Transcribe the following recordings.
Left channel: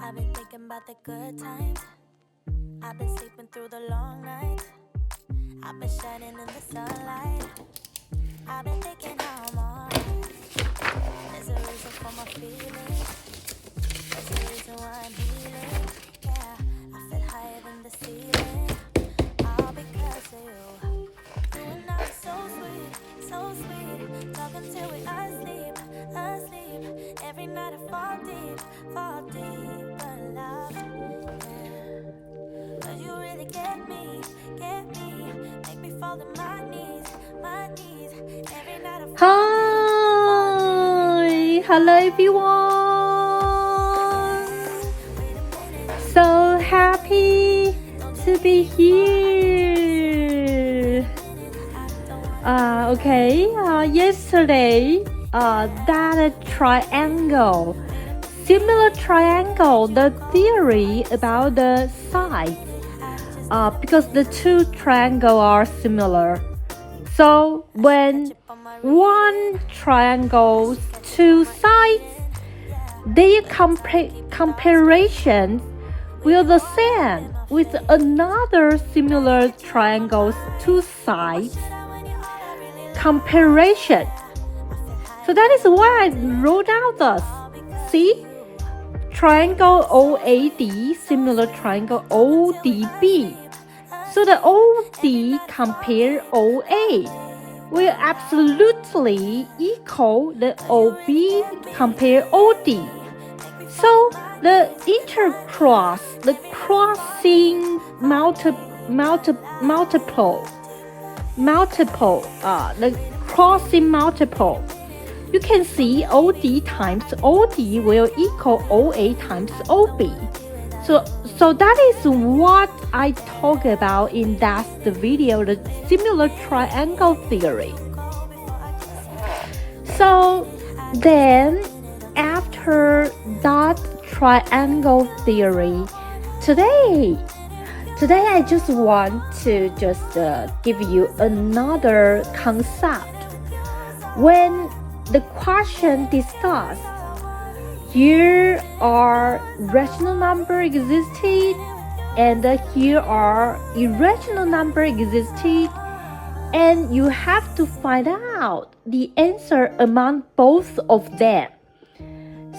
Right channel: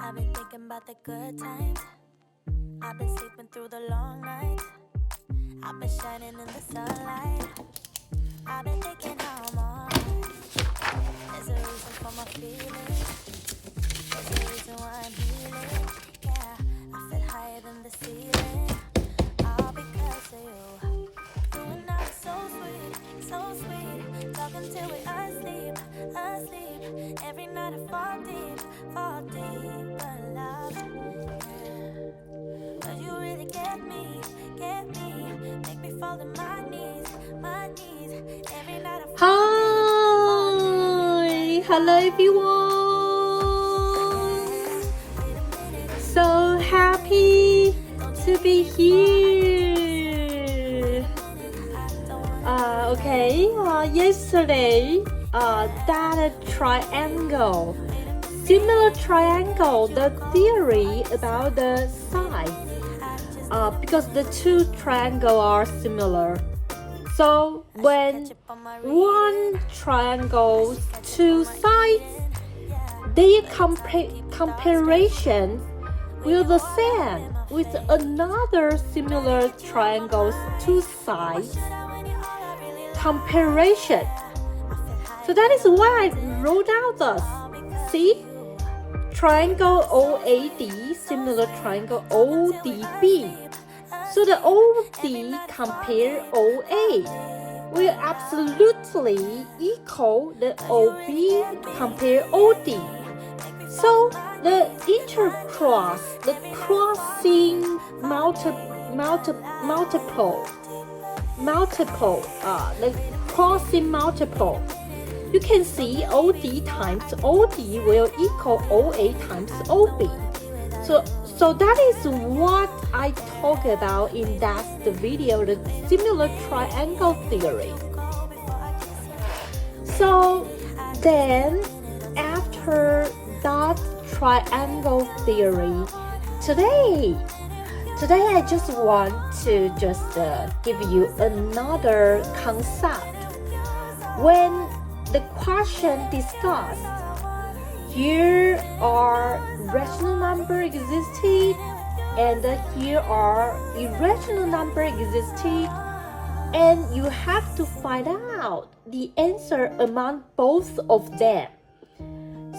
I've been thinking about the good times. I've been sleeping through the long nights. I've been shining in the sunlight. I've been thinking how I'm alright. There's a reason for my feelings. There's a reason why I'm healing. Yeah, I feel higher than the ceiling. All because of you. You and I are so sweet, so sweet. Talking till we asleep, asleep. Every night I fall deep in love. Yeah. 'Cause you really get me. Make me fall to my knees. Every night I fall deep. Hi, hello everyone. So happy to be here. Yesterday, that triangle, similar triangle, the theory about the side, because the two triangles are similar. So when one triangle's two sides, their comparison will the same with another similar triangle's two sides comparison. So that is why I wrote out this. See? Triangle OAD, similar triangle ODB. So the OD compare OA will absolutely equal the OB compare OD. So the intercross, the crossing the crossing multiple. You can see OD times OD will equal OA times OB. So that is what I talk about in that video, the similar triangle theory. So then after that triangle theory, today I just want to give you another concept. When the question discussed, here are rational number existed and here are irrational number existed, and you have to find out the answer among both of them.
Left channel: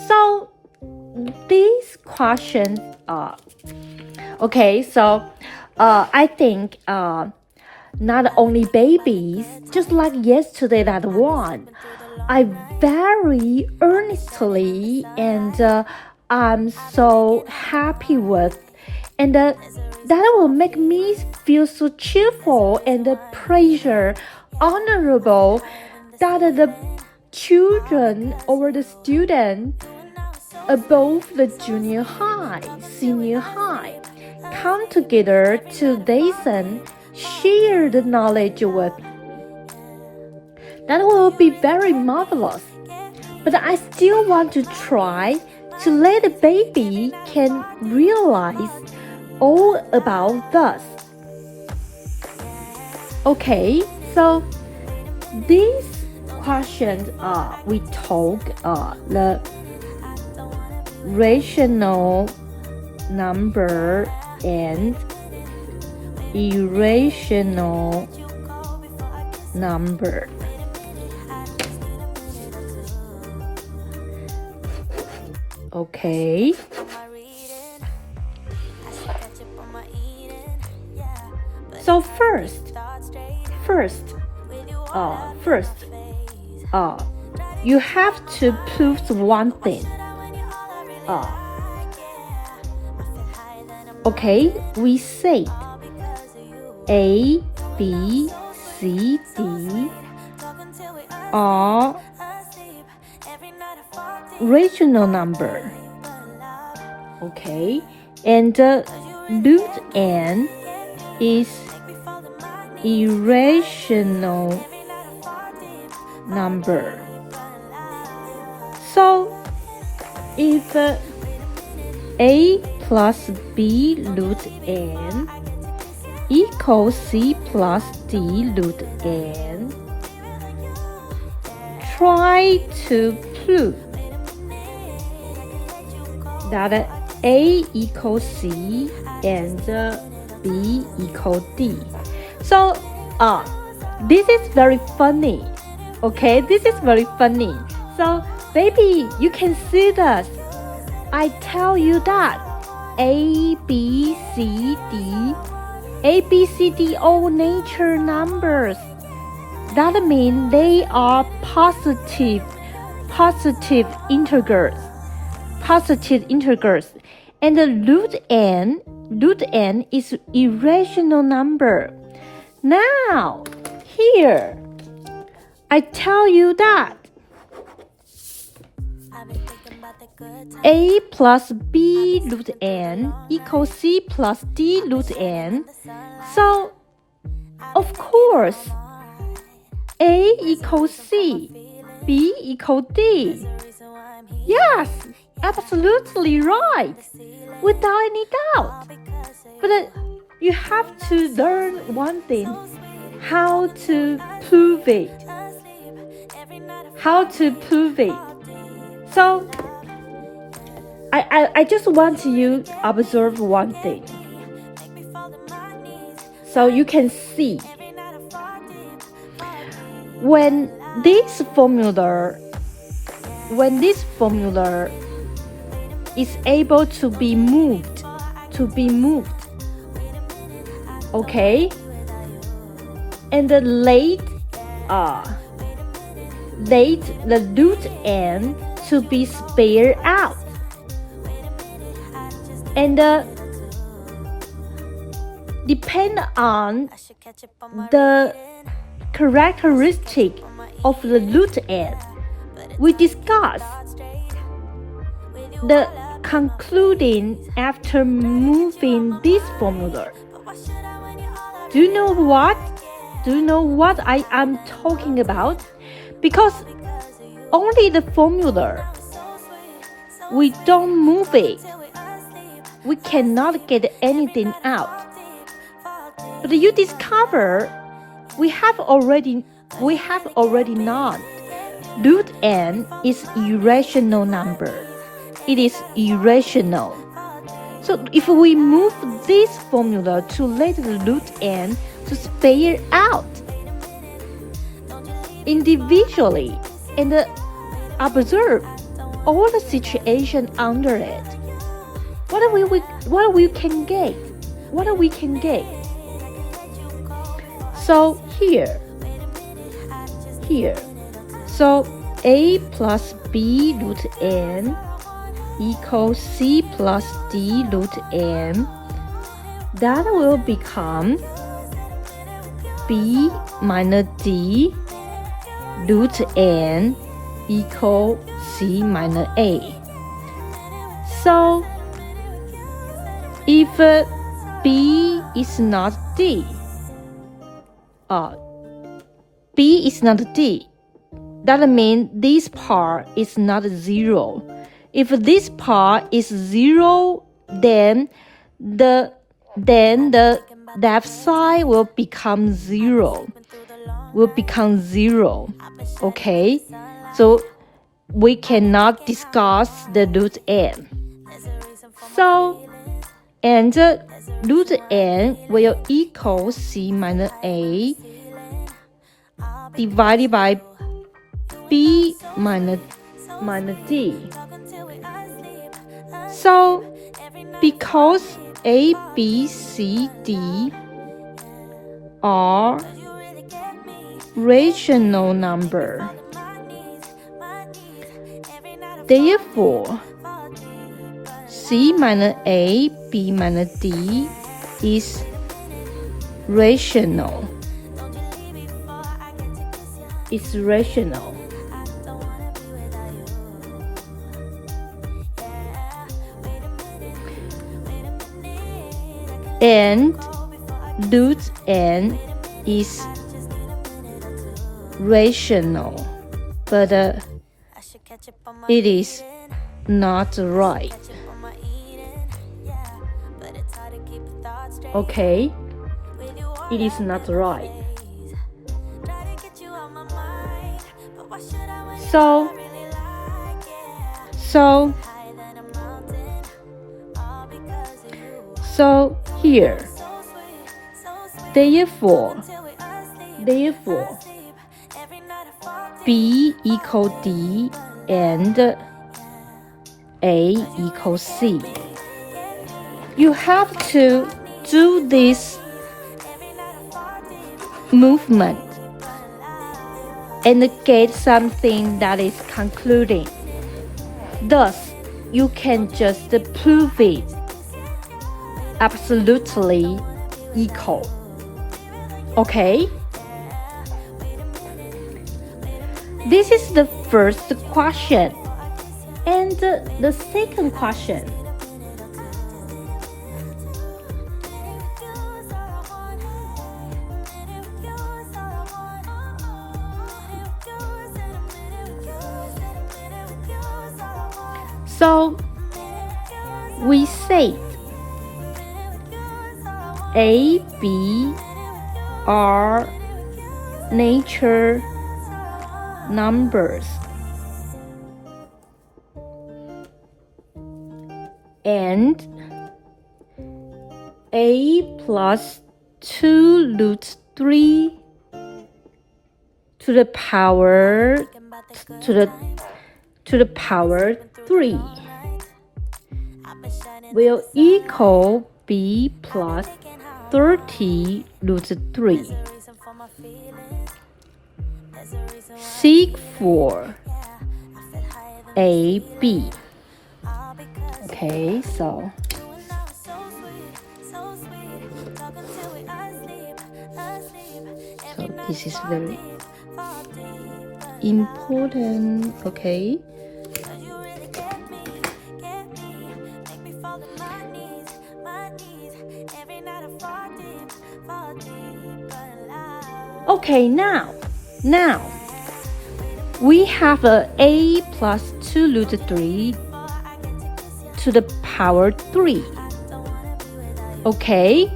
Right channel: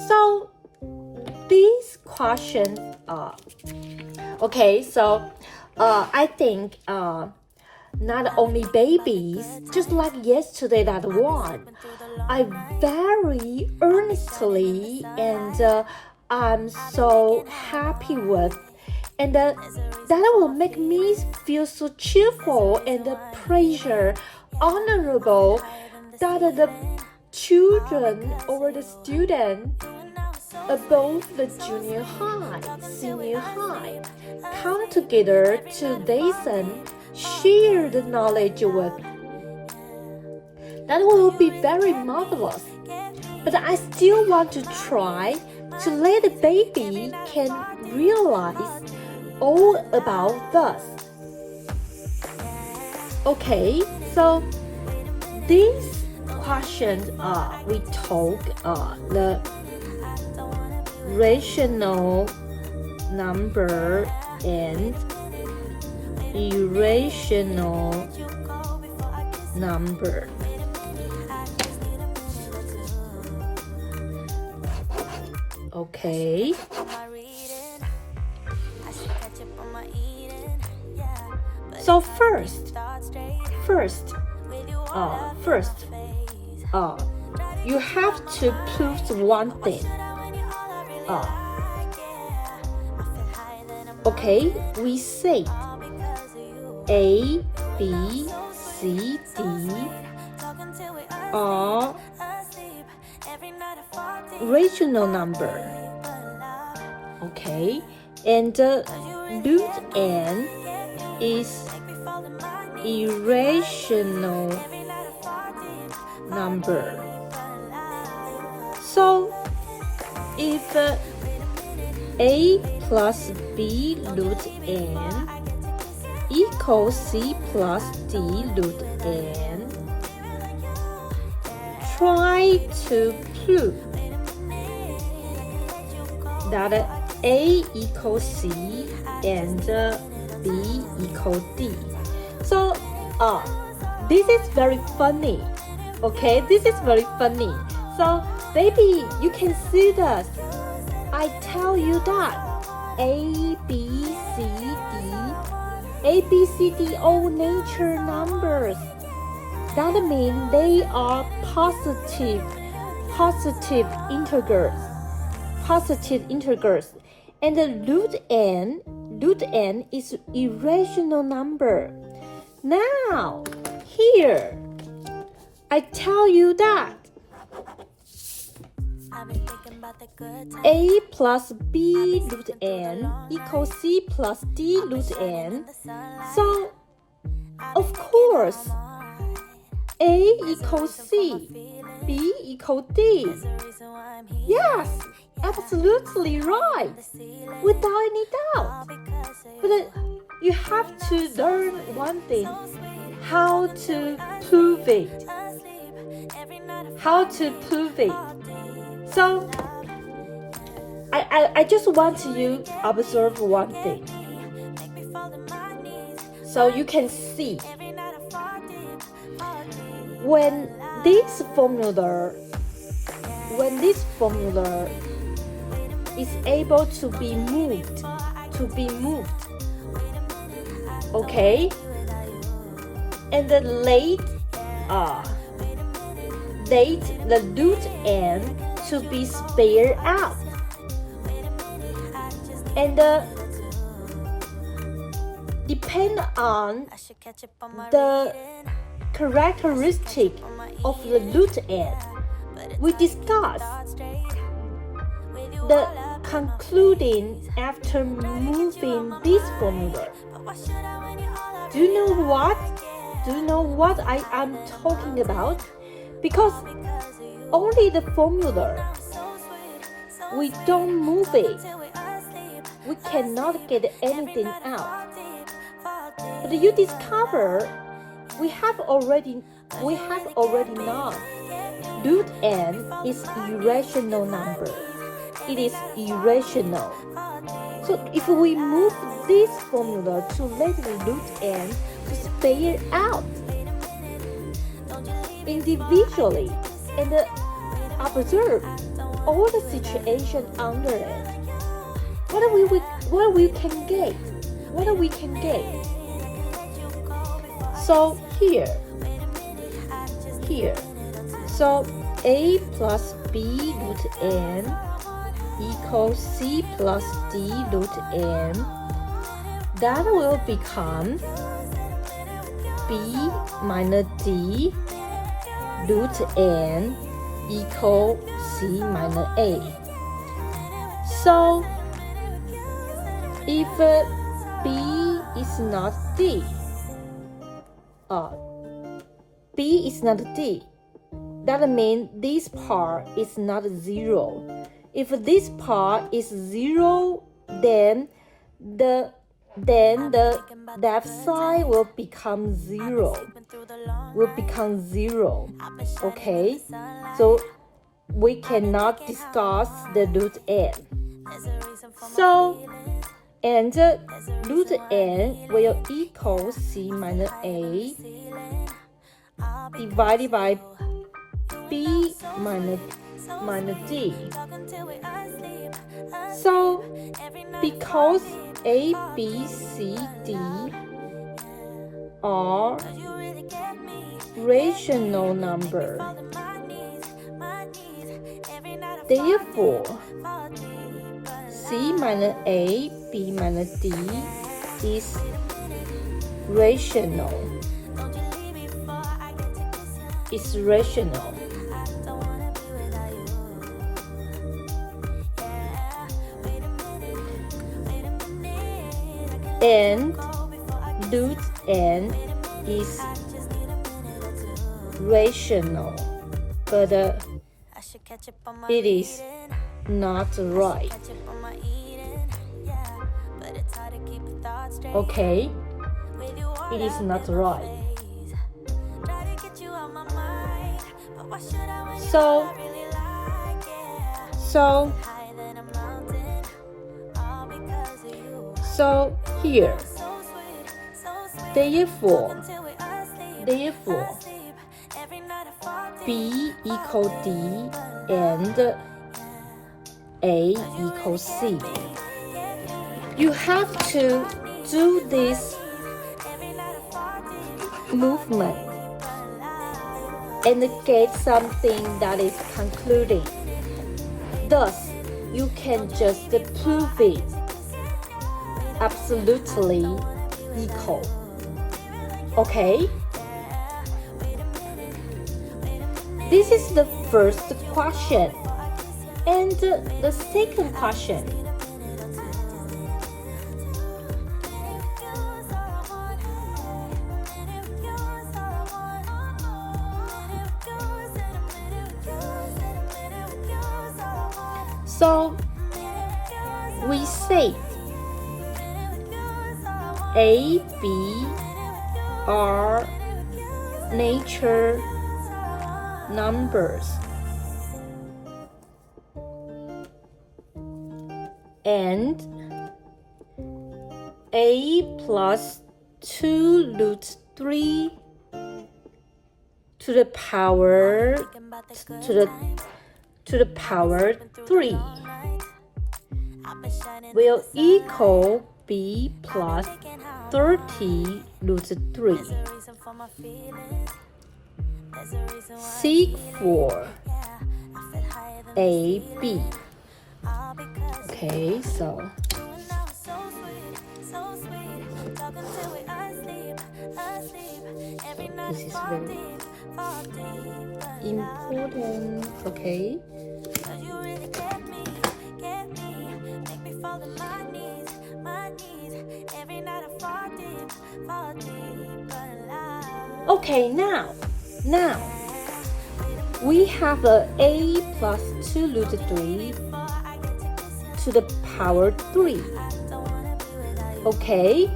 So these questions I think not only babies, just like yesterday that one, I very earnestly and I'm so happy with, and that will make me feel so cheerful and pressure honorable that the children or the student above the junior high, senior high, come together to listen, share the knowledge with. That will be very marvelous. But I still want to try to let the baby can realize all about this. Okay, so these questions we talk the rational number and irrational number. Okay. So first, you have to prove one thing. Okay, we say A, B, C, D are rational number. Okay, and root n is irrational number. So if A plus B root n equals C plus D root n, try to prove that A equals C and B equals D. So this is very funny. Okay, this is very funny. So baby, you can see this. I tell you that A, B, C, D, all natural numbers. That means they are positive integers. And the root n is irrational number. Now, here, I tell you that A plus B root n equals C plus D root n. So, of course, A equals C, B equals D. Yes, absolutely right, without any doubt. But you have to learn one thing, how to prove it. So, I just want you to observe one thing. So you can see when this formula is able to be moved, okay, and the the root n to be spared out, and depend on the characteristic of the root n. We discuss the concluding after moving this formula. Do you know what? I am talking about? Because only the formula, we don't move it, we cannot get anything out. But you discover we have already known root n is irrational number. It is irrational. So if we move this formula to let the root n to spare out individually and observe all the situation under it, what we can get? So here. So A plus B root n equals C plus D root n. That will become B minus D root n equal C minus A. So if B is not D, B is not D, that means this part is not 0. If this part is 0, then the left side will become 0. Okay, so we cannot discuss the root n. So, and root n will equal C minus A divided by B minus D. So, because A, B, C, D are rational number, therefore, C minus A, B minus D is rational. It's rational. And root n is rational, but it is not right. Okay, it is not right. So So here, therefore, B equals D and A equals C. You have to do this movement and get something that is concluding. Thus, you can just prove it absolutely equal. Okay? This is the first question. And the second question. So we say A, B are nature numbers and A plus 2 root 3 to the power to the power 3 will equal B plus 30 root 3. Seek for A, B. Okay, so this is very important. Okay. Okay, now we have A plus 2 root 3 to the power 3. Okay,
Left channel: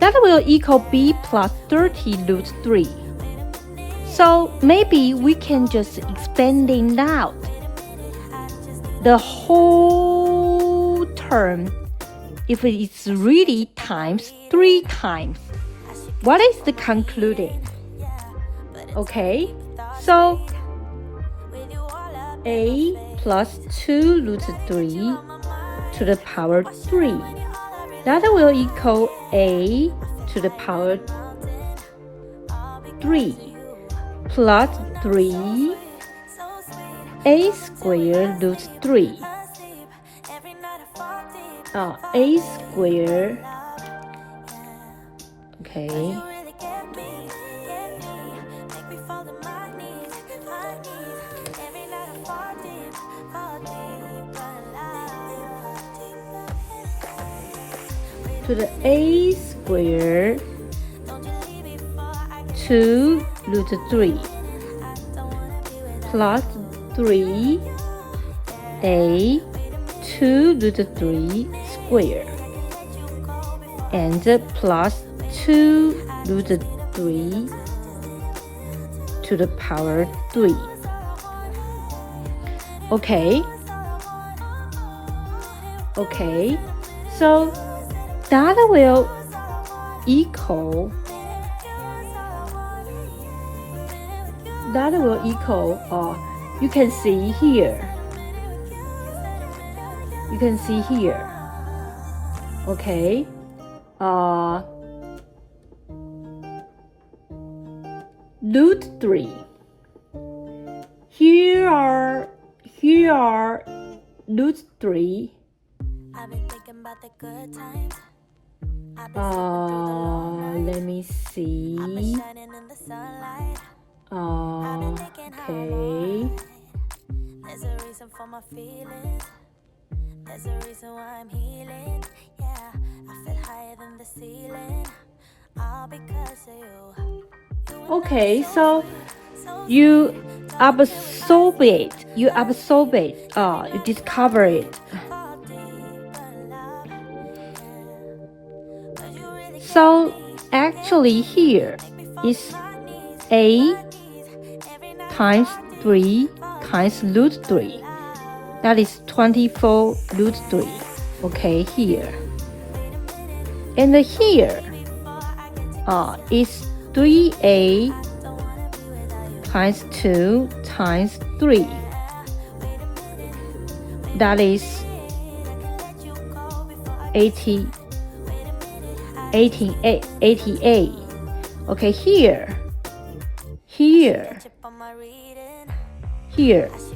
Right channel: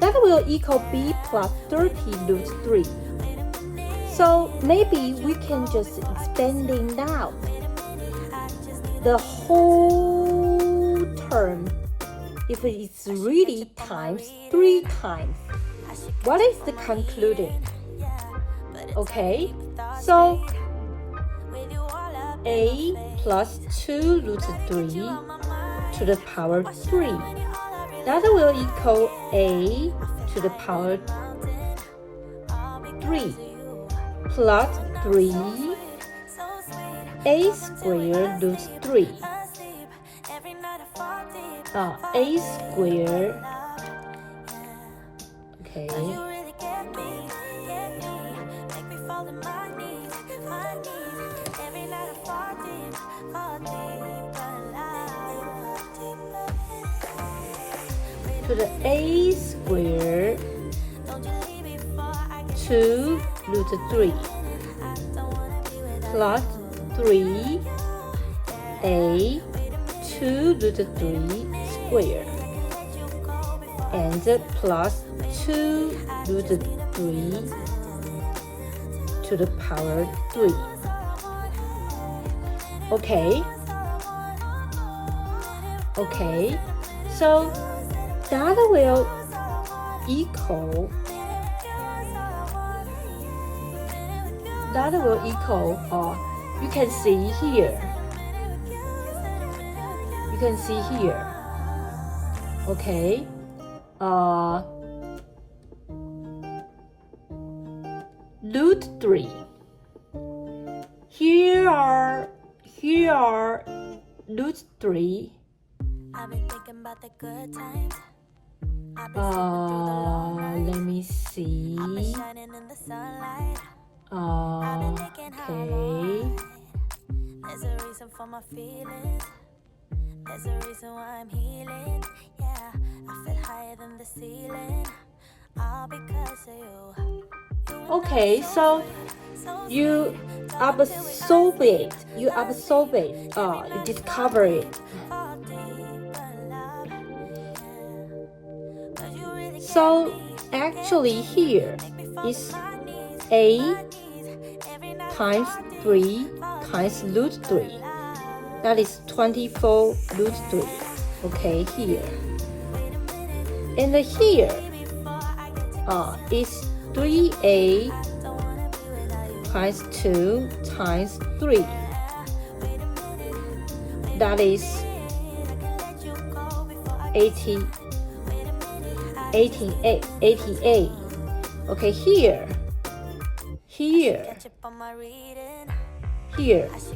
that will equal B plus 30 root 3. So maybe we can just expanding out the whole term if it's really times 3 times. What is the concluding? Okay, so A plus 2 root 3 to the power 3. That will equal A to the power 3 plus 3 A squared root 3. A squared. Okay. To the A squared 2 root 3 plus 3 A 2 root 3 squared and plus 2 root 3 to the power 3. Okay, so that will equal you can see here. Okay, root 3. Here are root 3. I've been thinking about the good times. I've been sleeping through the long nights. Let me see. I've been shining in the sunlight. I've been thinking how I'm alright. There's a reason for my feelings. There's a reason why I'm healing. Yeah, I feel higher than the ceiling. All because of you. Okay, so you absorb it, you discover it. So actually here is A times 3 times root 3. That is 24 root 3. Okay, here. And here is 3a times 2 times 3. That is 88. Okay, here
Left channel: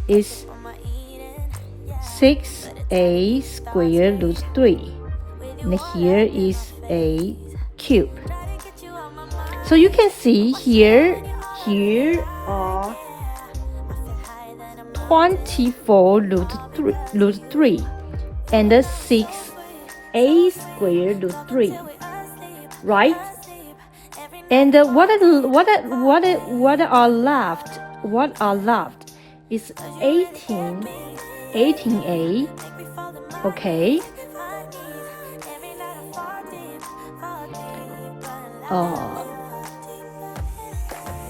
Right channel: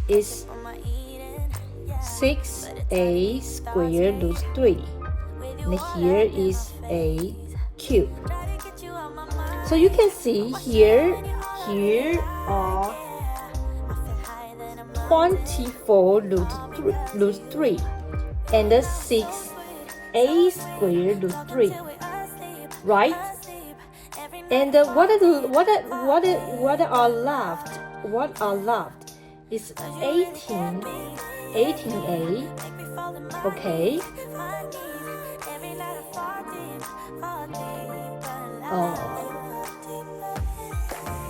is 6a squared root 3. And here is a cube. So you can see here are 24 root 3 and 6a squared root 3, right? And what are left? What are left is 18a. Okay.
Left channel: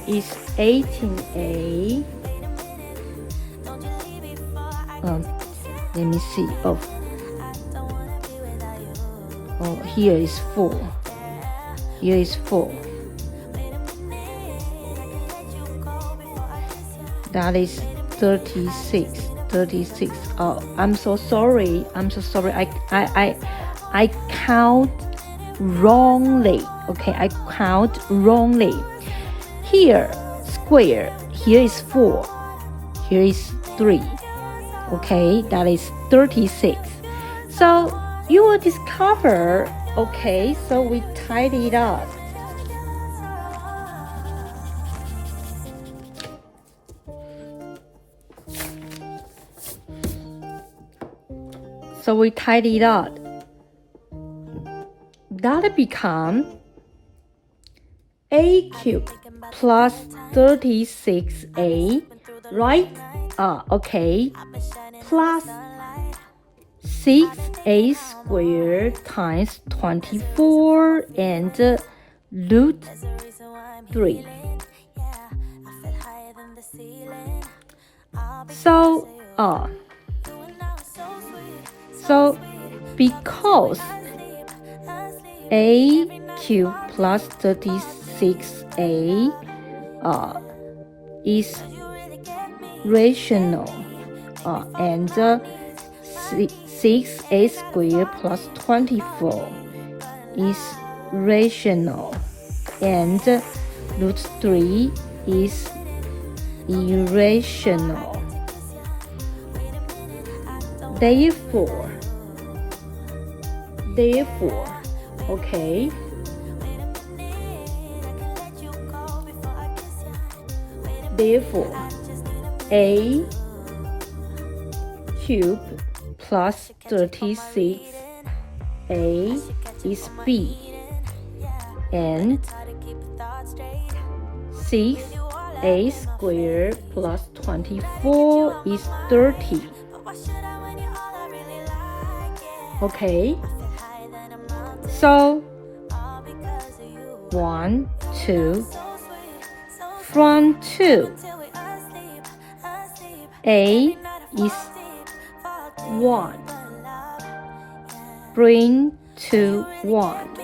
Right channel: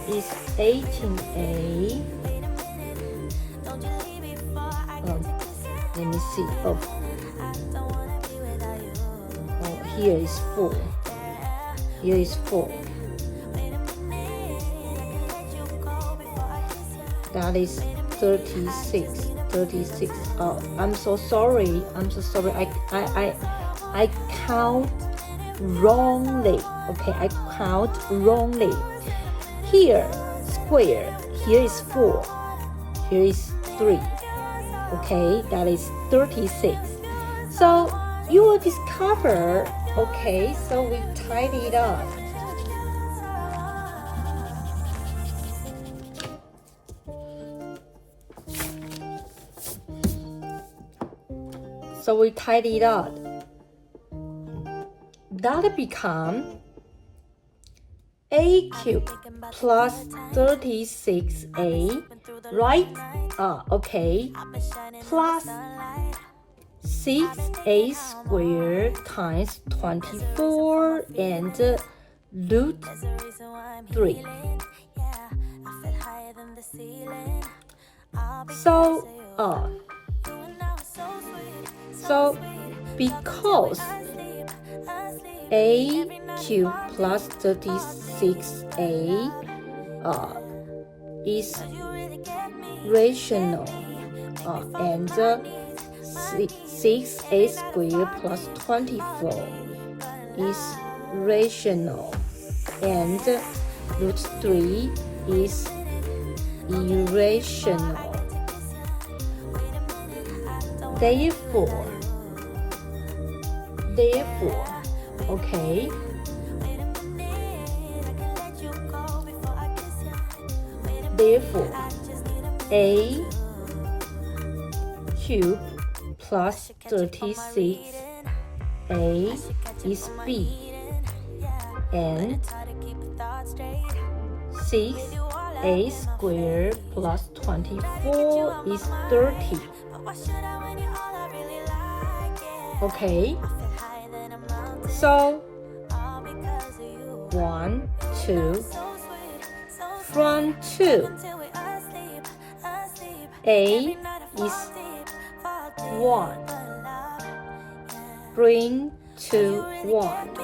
Is 18a. Let me see. Here is 4. Here is 4. That is 36. Oh, I'm so sorry. I count wrongly. Okay, I count wrongly. Here, square. Here is 4. Here is 3. Okay, that is 36. So you will discover. Okay, so we tidy it up. So we tidy it up. That become a cube plus 36a, right? Okay. Plus 6a squared times 24 and root 3. So because a cube plus 36a is rational, and 6a squared plus 24 is rational, and root 3 is irrational. Therefore, okay, therefore, a cube plus 36a is b, and 6a squared plus 24 is 30. Okay, so 1, 2, from 2, a is 1, bring to 1,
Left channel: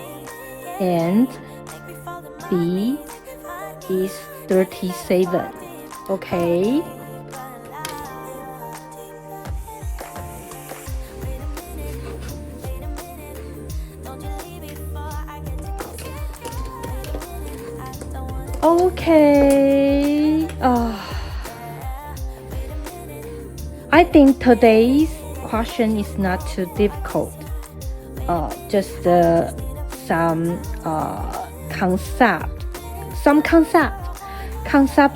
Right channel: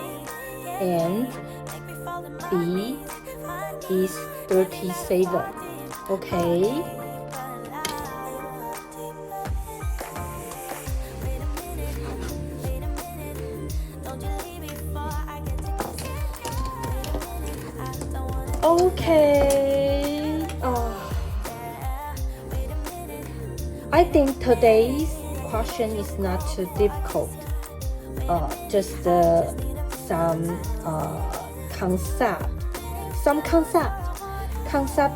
and b is 37. Okay. Okay. I think today's question is not too difficult. Just some concept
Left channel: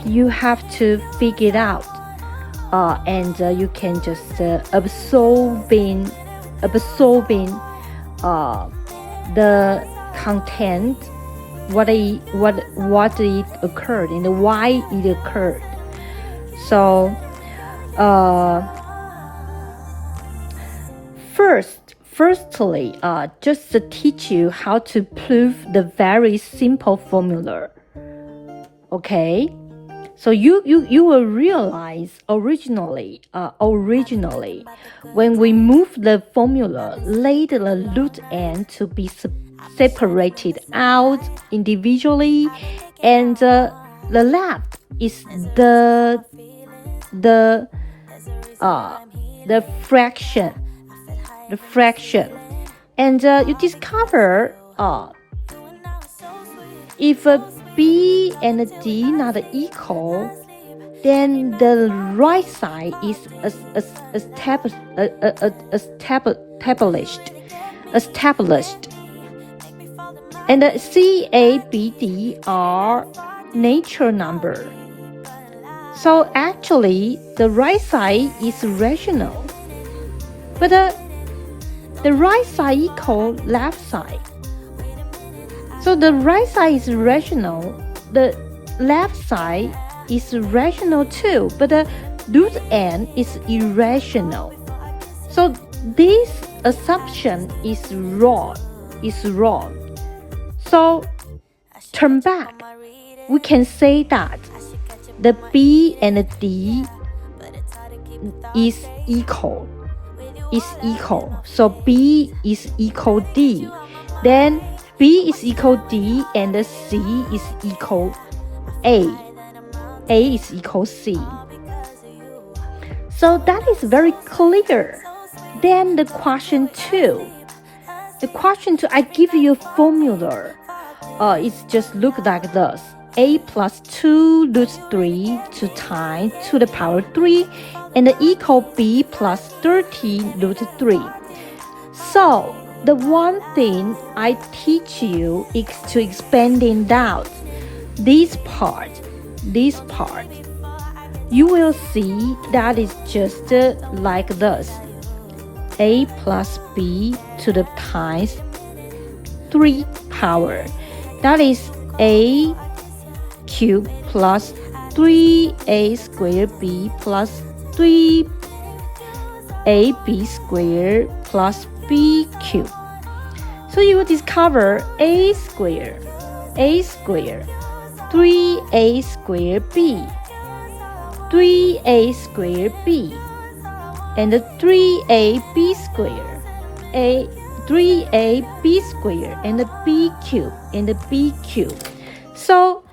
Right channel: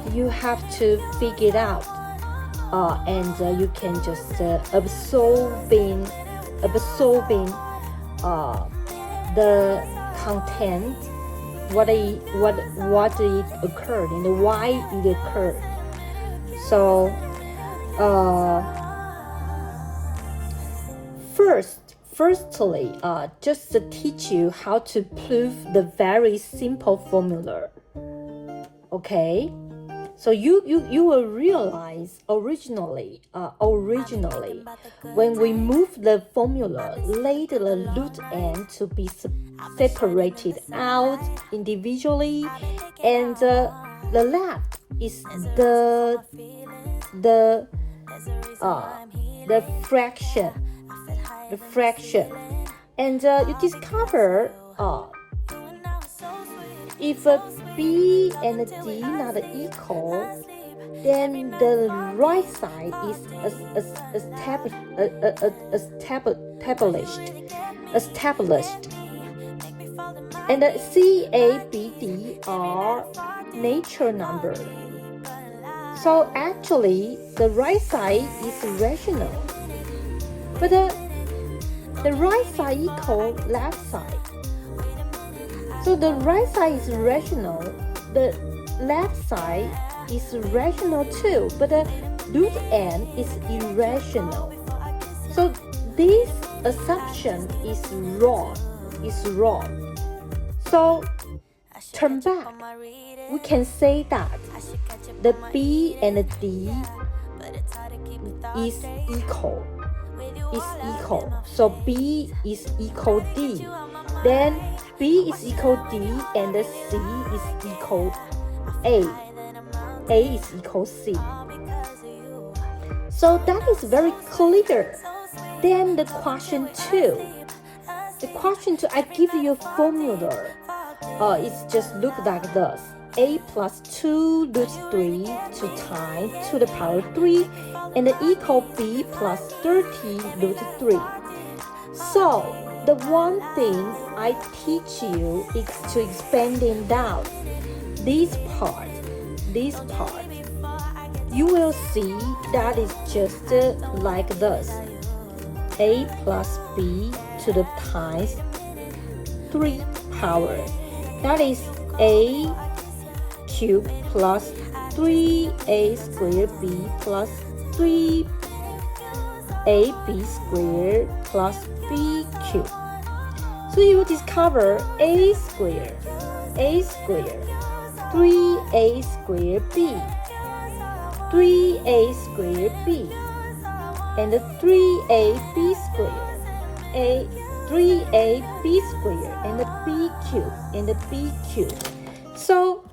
you have to figure it out, and you can just absorbing the content, what it occurred and why it occurred. So firstly, just to teach you how to prove the very simple formula. Okay, So you will realize originally when we move the formula, let the root n to be separated out individually, and the left is the fraction, and you discover if B and D not equal, then the right side is established, and C, A, B, D are natural number. So actually, the right side is rational, but the right side equal left side. So the right side is rational, the left side is rational too, but the root n is irrational. So this assumption is wrong. So turn back, we can say that the B and D is equal. So B is equal D. Then B is equal D and C is equal A. A is equal C. So that is very clear. Then the question 2. I give you a formula. It's just look like this. A plus 2 root 3 2 times to the power 3 and equal B plus 30 root 3. So the one thing I teach you is to expanding out this part. You will see that is just like this. A plus B to the times 3 power. That is A cubed plus 3A squared B plus 3AB squared plus B cubed. So you will discover A squared, 3A squared B, 3A squared B, and 3AB squared, 3AB squared, and B cubed. So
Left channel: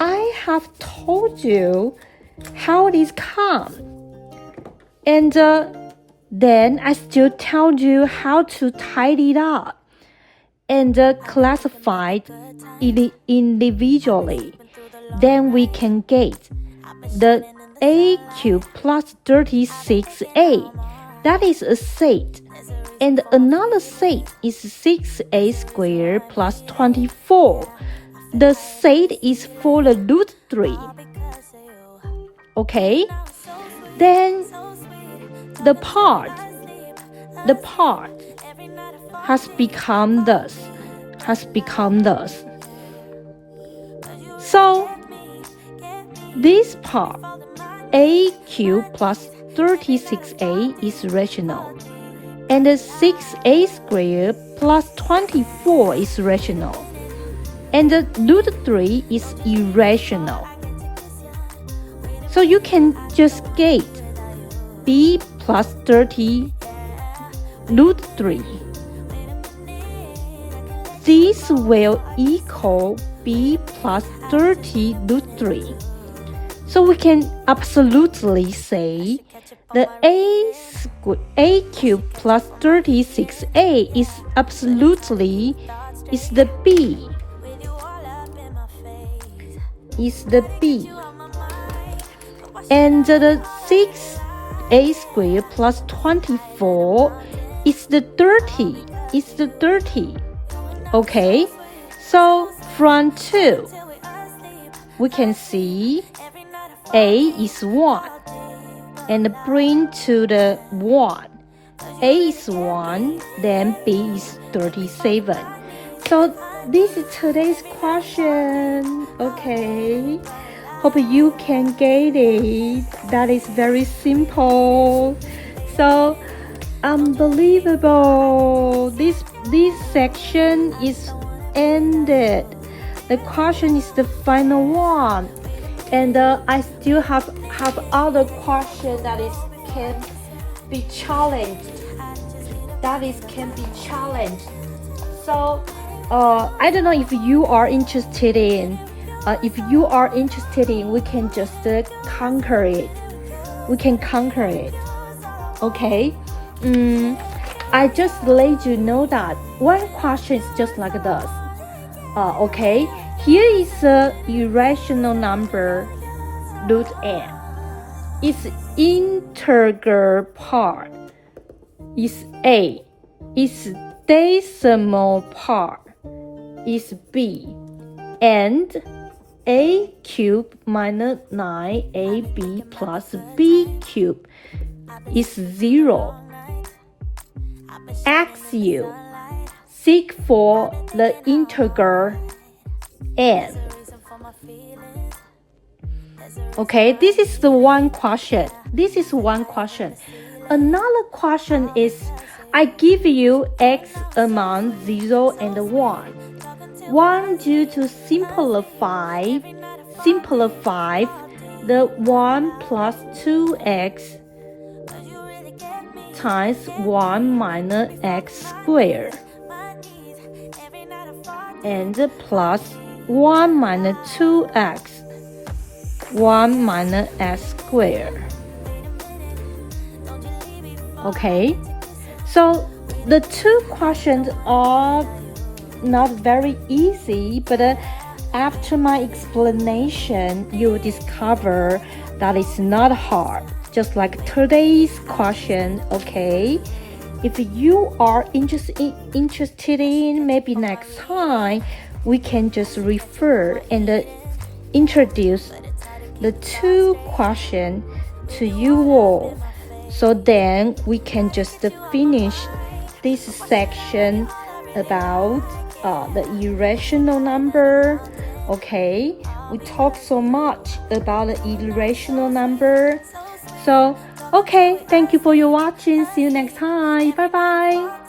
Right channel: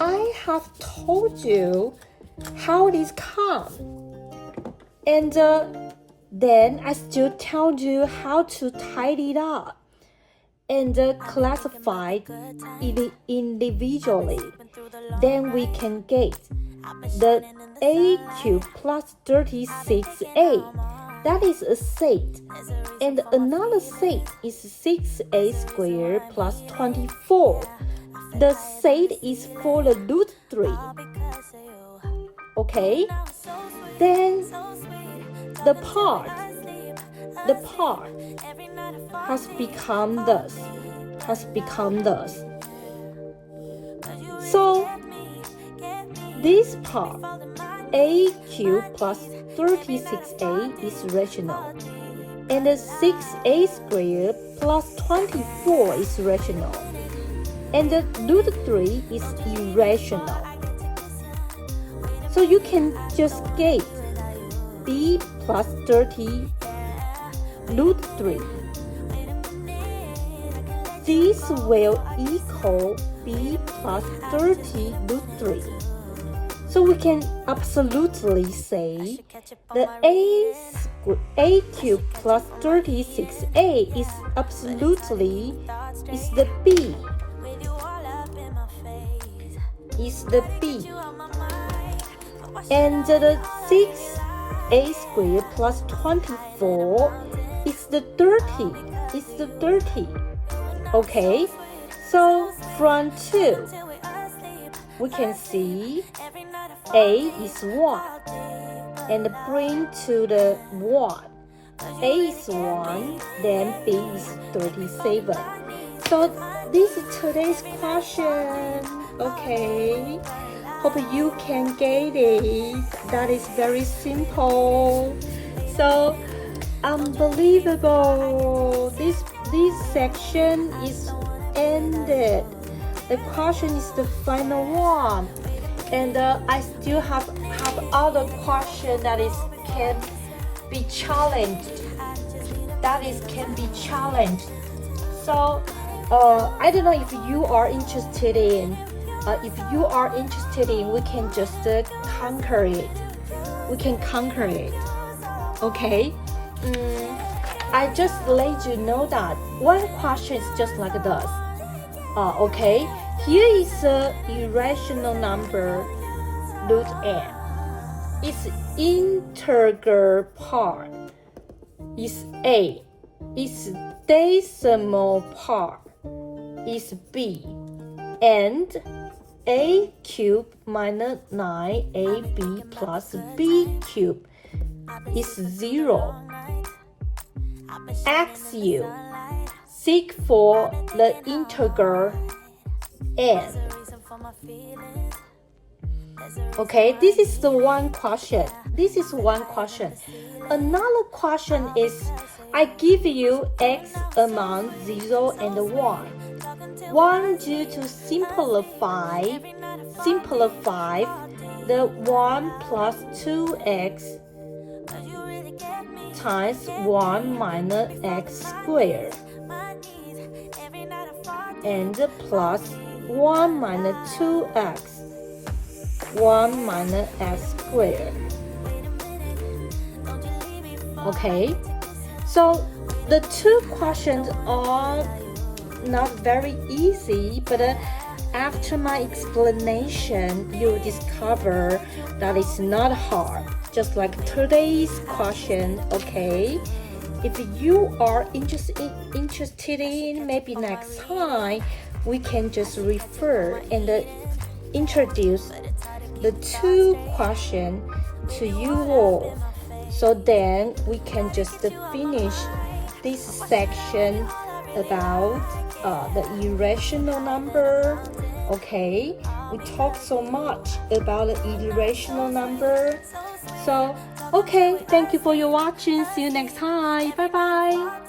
I have told you how this comes, and then I still tell you how to tidy it up and classify it individually. Then we can get the A cubed plus 36A. That is a set. And another set is 6A squared plus 24. The set is for the root 3. Okay? Then the part has become this. So this part, A cubed plus 36A is rational, and 6A squared plus 24 is rational, and the root 3 is irrational. So you can just get B plus 30 root 3. This will equal B plus 30 root 3. So we can absolutely say the A cubed plus 36A is absolutely the B. And the 6A squared plus 24 is the 30. Okay, so from 2, we can see A is 1, and bring to the 1. A is 1, then B is 37. So this is today's question. Okay, hope you can get it. That is very simple. So unbelievable. This section is ended. The question is the final one. And I still have other questions that is can be challenged. Can be challenged. So I don't know if you are interested in. If you are interested in, we can just conquer it. We can conquer it. Okay. I just let you know that one question is just like this. Okay. Here is a irrational number, root n. Its integer part is a. Its decimal part is b. And a cubed minus 9ab plus b cubed is 0. Ask you, seek for the integer n. Okay, this is the one question. This is one question. Another question is, I give you x among 0 and 1. Want you to simplify the 1 plus 2x times 1 minus x squared and plus 1 minus 2x 1 minus x squared. Okay, so the two questions are not very easy, but after my explanation, you'll discover that it's not hard, just like today's question. Okay, if you are interested in, maybe next time we can just refer and introduce the two questions to you all, so then we can just finish this section about the irrational number. Okay, we talk so much about the irrational number. So okay, thank you for your watching. See you next time. Bye bye.